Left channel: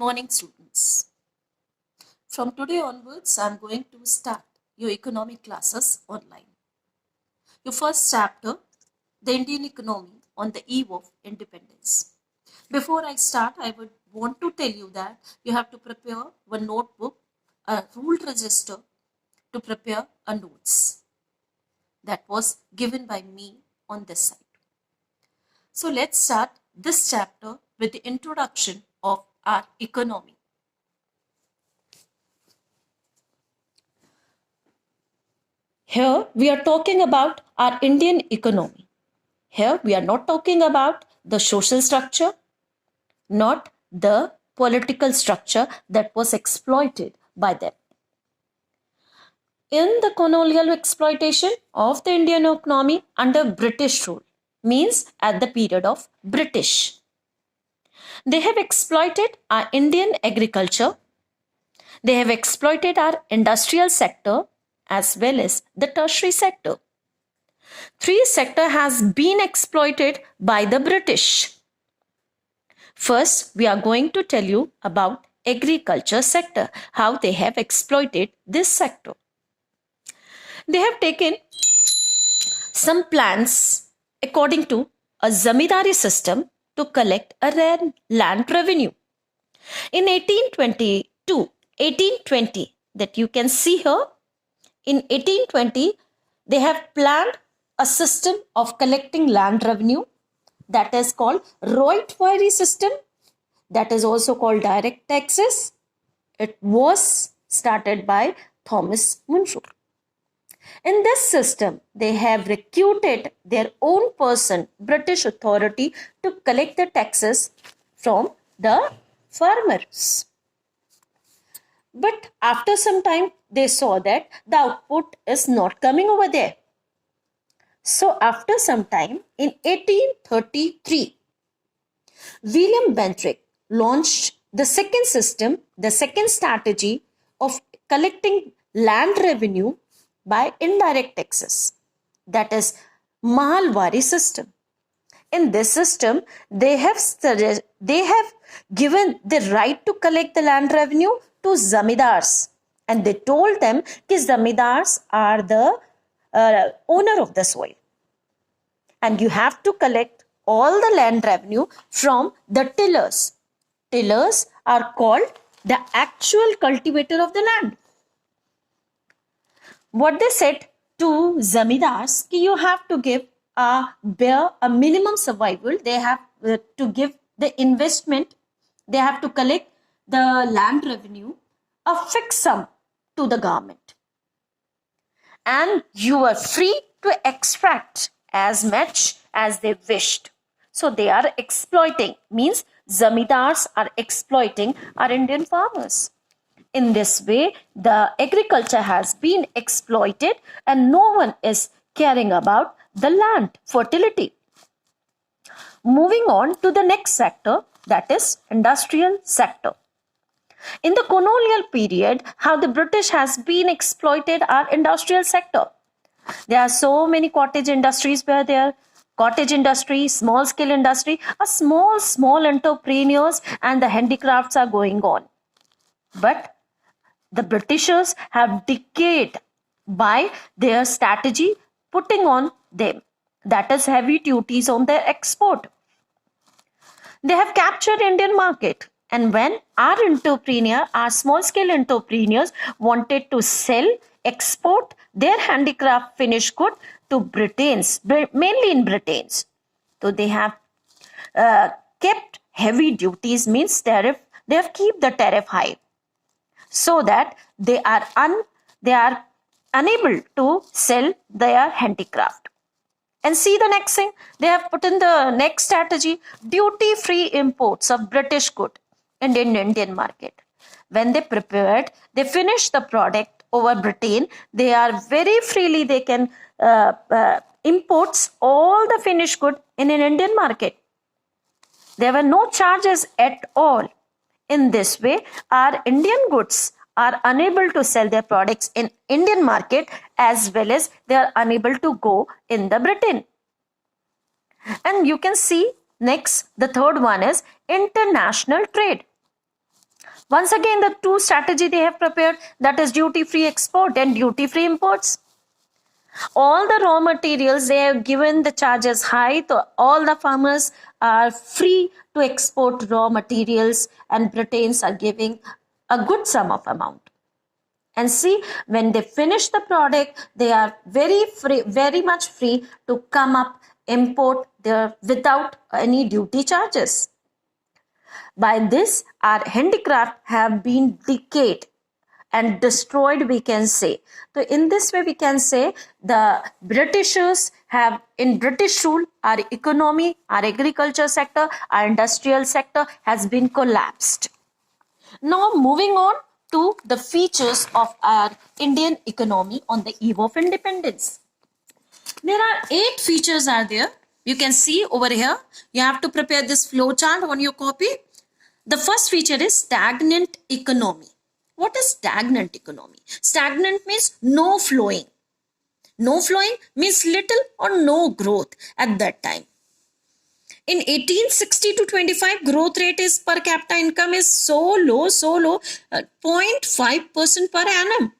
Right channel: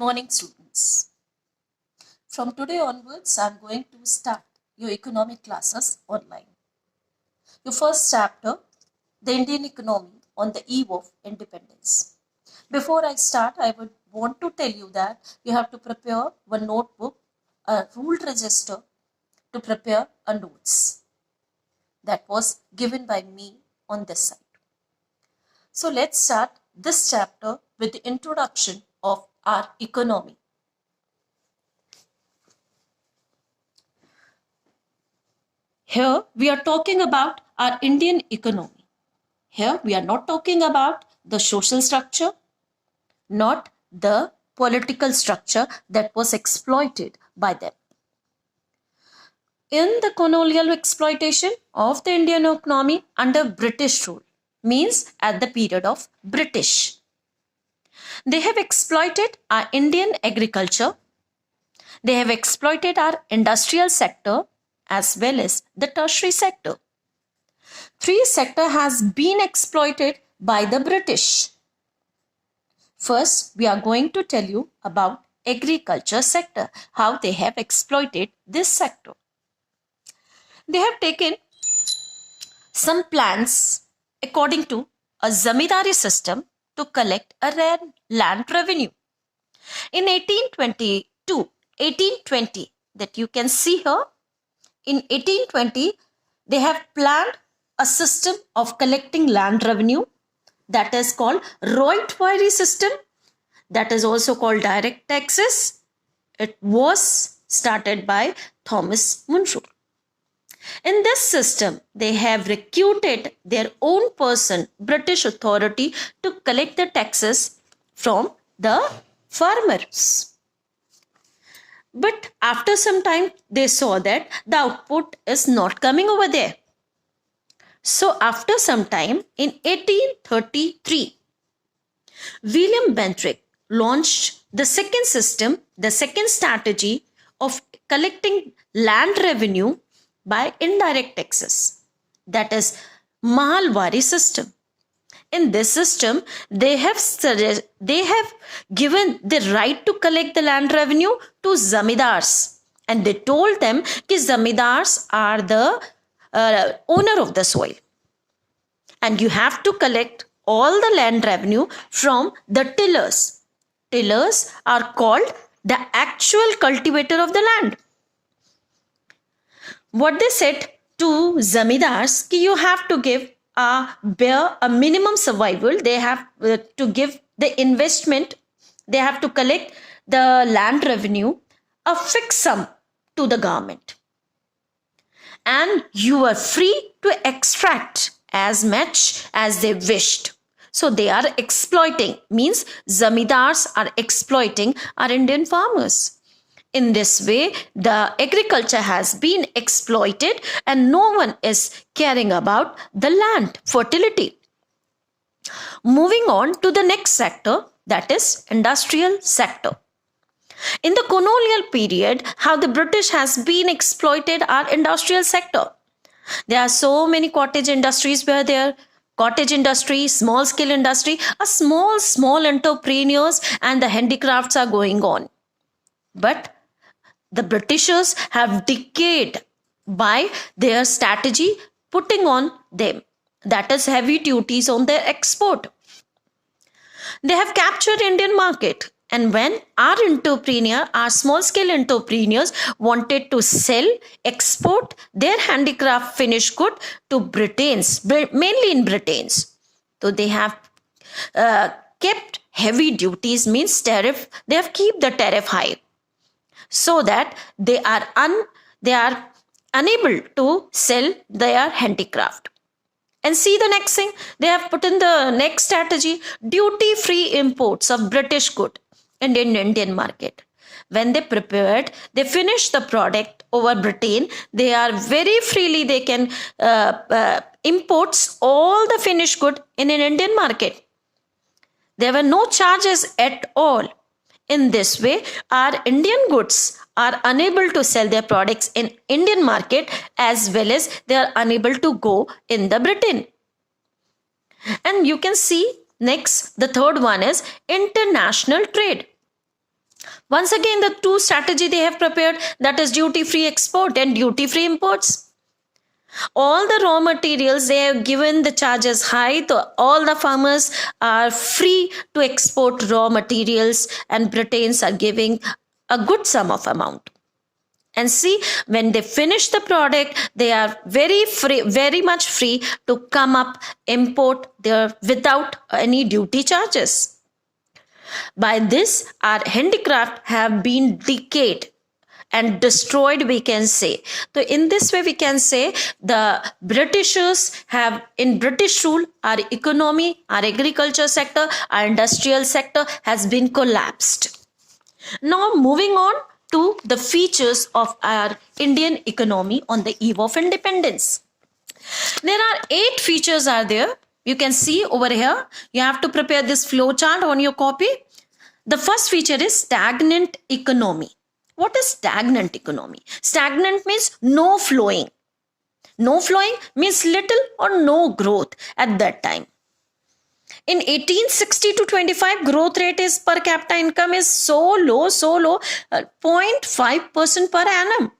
Morning, students. From today onwards, I'm going to start your economic classes online. Your first chapter, the Indian economy on the eve of independence. Before I start, I would want to tell you that you have to prepare one notebook, a ruled register to prepare a notes that was given by me on this side. So let's start this chapter with the introduction of our economy. Here we are talking about our Indian economy. Here we are not talking about the social structure, not the political structure that was exploited by them. In the colonial exploitation of the Indian economy under British rule, means at the period of British, they have exploited our Indian agriculture, they have exploited our industrial sector as well as the tertiary sector. Three sector has been exploited by the British. First, we are going to tell you about agriculture sector, how they have exploited this sector. They have taken some plans according to a zamindari system to collect a land revenue. In 1820, that you can see here, in 1820, they have planned a system of collecting land revenue that is called Roytwari system, that is also called direct taxes. It was started by Thomas Munshur. In this system, they have recruited their own person, British authority, to collect the taxes from the farmers. But after some time, they saw that the output is not coming over there. So after some time, in 1833, William Bentinck launched the second system, the second strategy of collecting land revenue by indirect taxes, that is Mahalwari system. In this system, they have given the right to collect the land revenue to zamindars, and they told them that zamindars are the owner of the soil, and you have to collect all the land revenue from the tillers. Tillers are called the actual cultivator of the land. What they said to zamindars, कि you have to give a minimum survival. They have to give the investment. They have to collect the land revenue, a fixed sum to the government, and you are free to extract as much as they wished. So they are exploiting, means zamindars are exploiting our Indian farmers. In this way, the agriculture has been exploited and no one is caring about the land fertility. Moving on to the next sector, that is industrial sector. In the colonial period, how the British has been exploited our industrial sector. There are so many cottage industries where there cottage industry, small scale industry, a small entrepreneurs and the handicrafts are going on. But the Britishers have decayed by their strategy putting on them, that is heavy duties on their export. They have captured Indian market, and when our small scale entrepreneurs wanted to sell, export their handicraft finished good to Britons, mainly in Britons. So they have kept heavy duties, means tariff. They have kept the tariff high, so that they are unable to sell their handicraft. And see the next thing, they have put in the next strategy, duty-free imports of British good in the Indian market. When they prepared, they finished the product over Britain, they are very freely, they can imports all the finished good in an Indian market. There were no charges at all. In this way, our Indian goods are unable to sell their products in Indian market, as well as they are unable to go in the Britain. And you can see next, the third one is international trade. Once again, the two strategy they have prepared, that is duty free export and duty free imports. All the raw materials they have given the charges high, so all the farmers are free to export raw materials, and Britains are giving a good sum of amount. And see, when they finish the product, they are very free, very much free to come up, import there without any duty charges. By this, our handicraft have been decayed and destroyed, we can say. So in this way we can say the Britishers have, in British rule, our economy, our agriculture sector, our industrial sector has been collapsed. Now moving on to the features of our Indian economy on the eve of independence. There are 8 features are there. You can see over here. You have to prepare this flow chart on your copy. The first feature is stagnant economy. What is stagnant economy? Stagnant means no flowing. No flowing means little or no growth at that time. In 1860 to 25, growth rate is per capita income is so low, 0.5% per annum.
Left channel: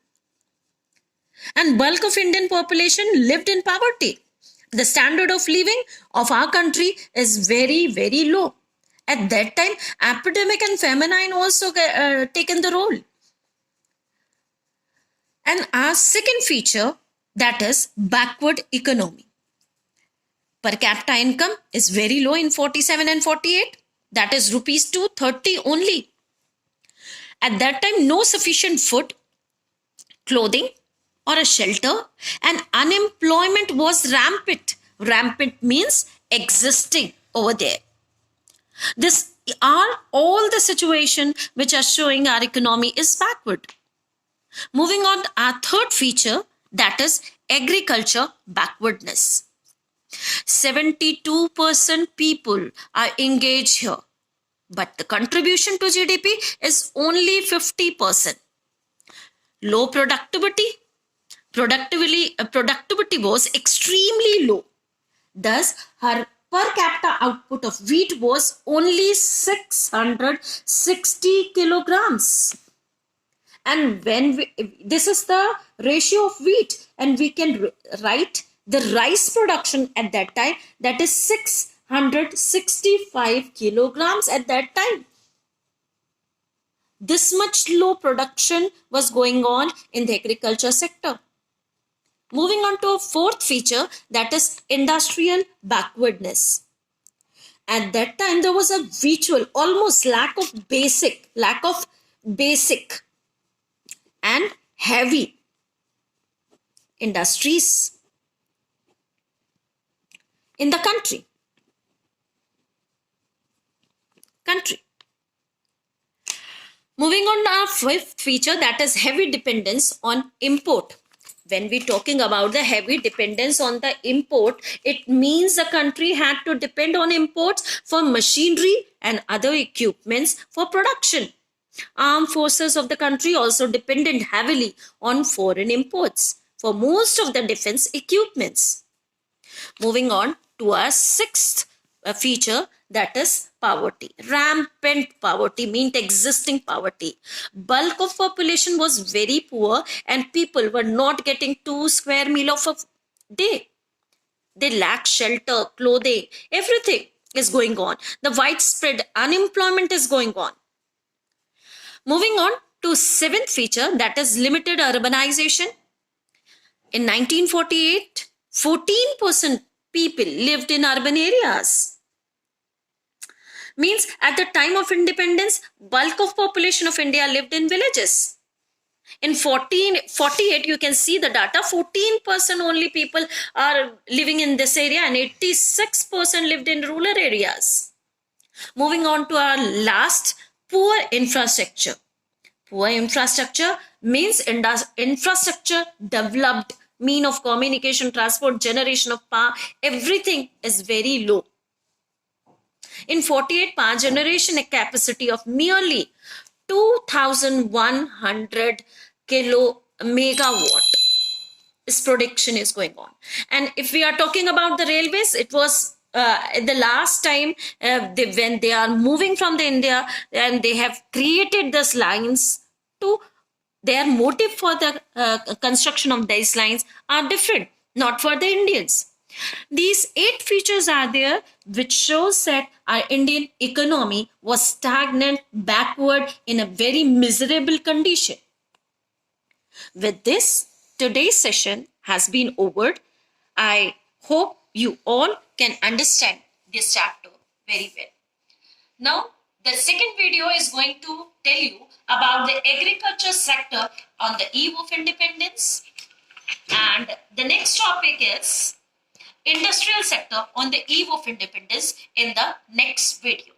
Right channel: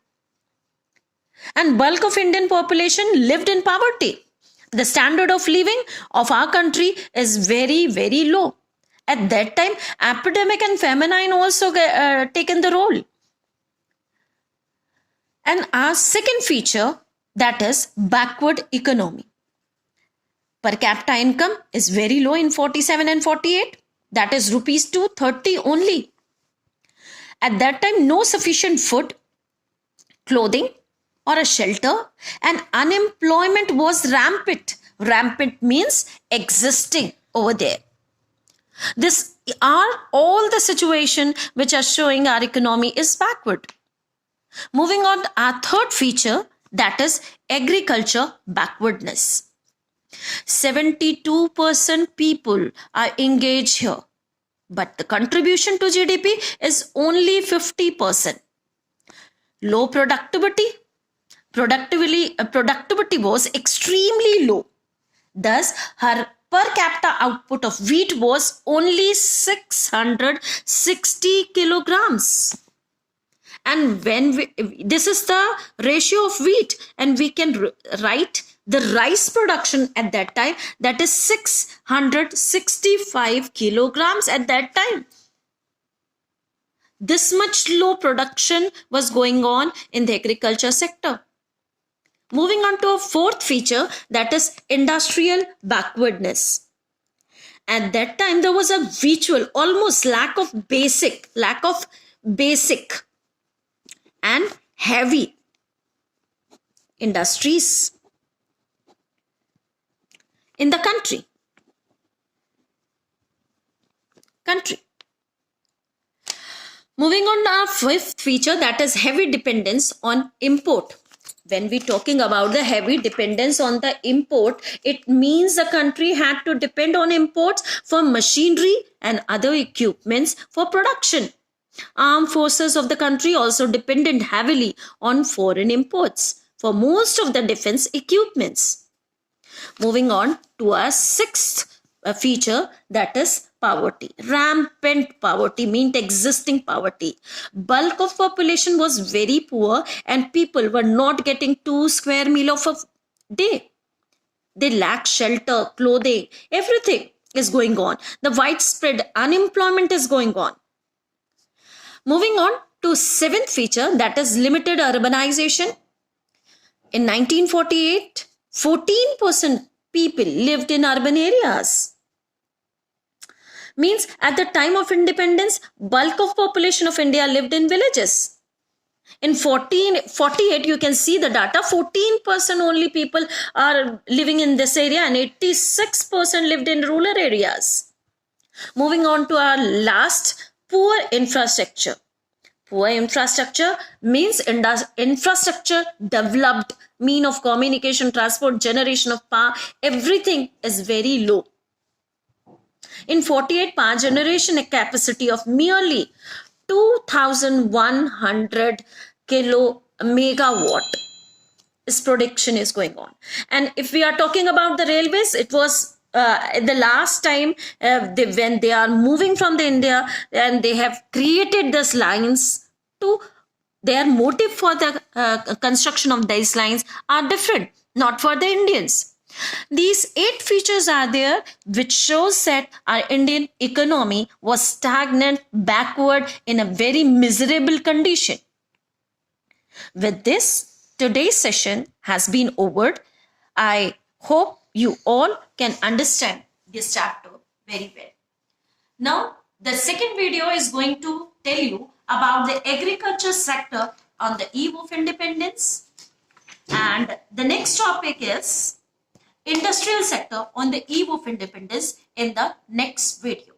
And bulk of Indian population lived in poverty. The standard of living of our country is very, very low. At that time, epidemic and famine also taken the role. And our second feature, that is backward economy. Per capita income is very low in 47 and 48. That is rupees 230 only. At that time, no sufficient food, clothing, or a shelter, and unemployment was rampant. Rampant means existing over there. This are all the situation which are showing our economy is backward. Moving on, our third feature, that is agriculture backwardness. 72% people are engaged here, but the contribution to GDP is only 50%. Low productivity. Productivity was extremely low. Thus, her per capita output of wheat was only 660 kilograms. And when this is the ratio of wheat, and we can write the rice production at that time, that is 665 kilograms at that time. This much low production was going on in the agriculture sector. Moving on to a fourth feature, that is industrial backwardness. At that time, there was a virtual, almost lack of basic and heavy industries in the country. Moving on to our fifth feature, that is heavy dependence on import. When we're talking about the heavy dependence on the import, it means the country had to depend on imports for machinery and other equipments for production. Armed forces of the country also depended heavily on foreign imports for most of the defense equipments. Moving on to our sixth feature, that is poverty. Rampant poverty meant existing poverty. Bulk of population was very poor and people were not getting 2 square meal of a day. They lack shelter, clothing, everything is going on. The widespread unemployment is going on. Moving on to seventh feature, that is limited urbanization. In 1948, 14% people lived in urban areas. Means at the time of independence, bulk of population of India lived in villages. In 1948, you can see the data, 14% only people are living in this area and 86% lived in rural areas. Moving on to our last, poor infrastructure. Poor infrastructure means infrastructure developed, mean of communication, transport, generation of power, everything is very low. In 48, power generation a capacity of merely 2,100 kilo megawatt. This production is going on. And if we are talking about the railways, it was the last time when they are moving from the India, and they have created these lines to their motive for the construction of these lines are different, not for the Indians. These 8 features are there, which shows that our Indian economy was stagnant, backward, in a very miserable condition. With this, today's session has been over. I hope you all can understand this chapter very well. Now, the second video is going to tell you about the agriculture sector on the eve of independence. And the next topic is industrial sector on the eve of independence in the next video.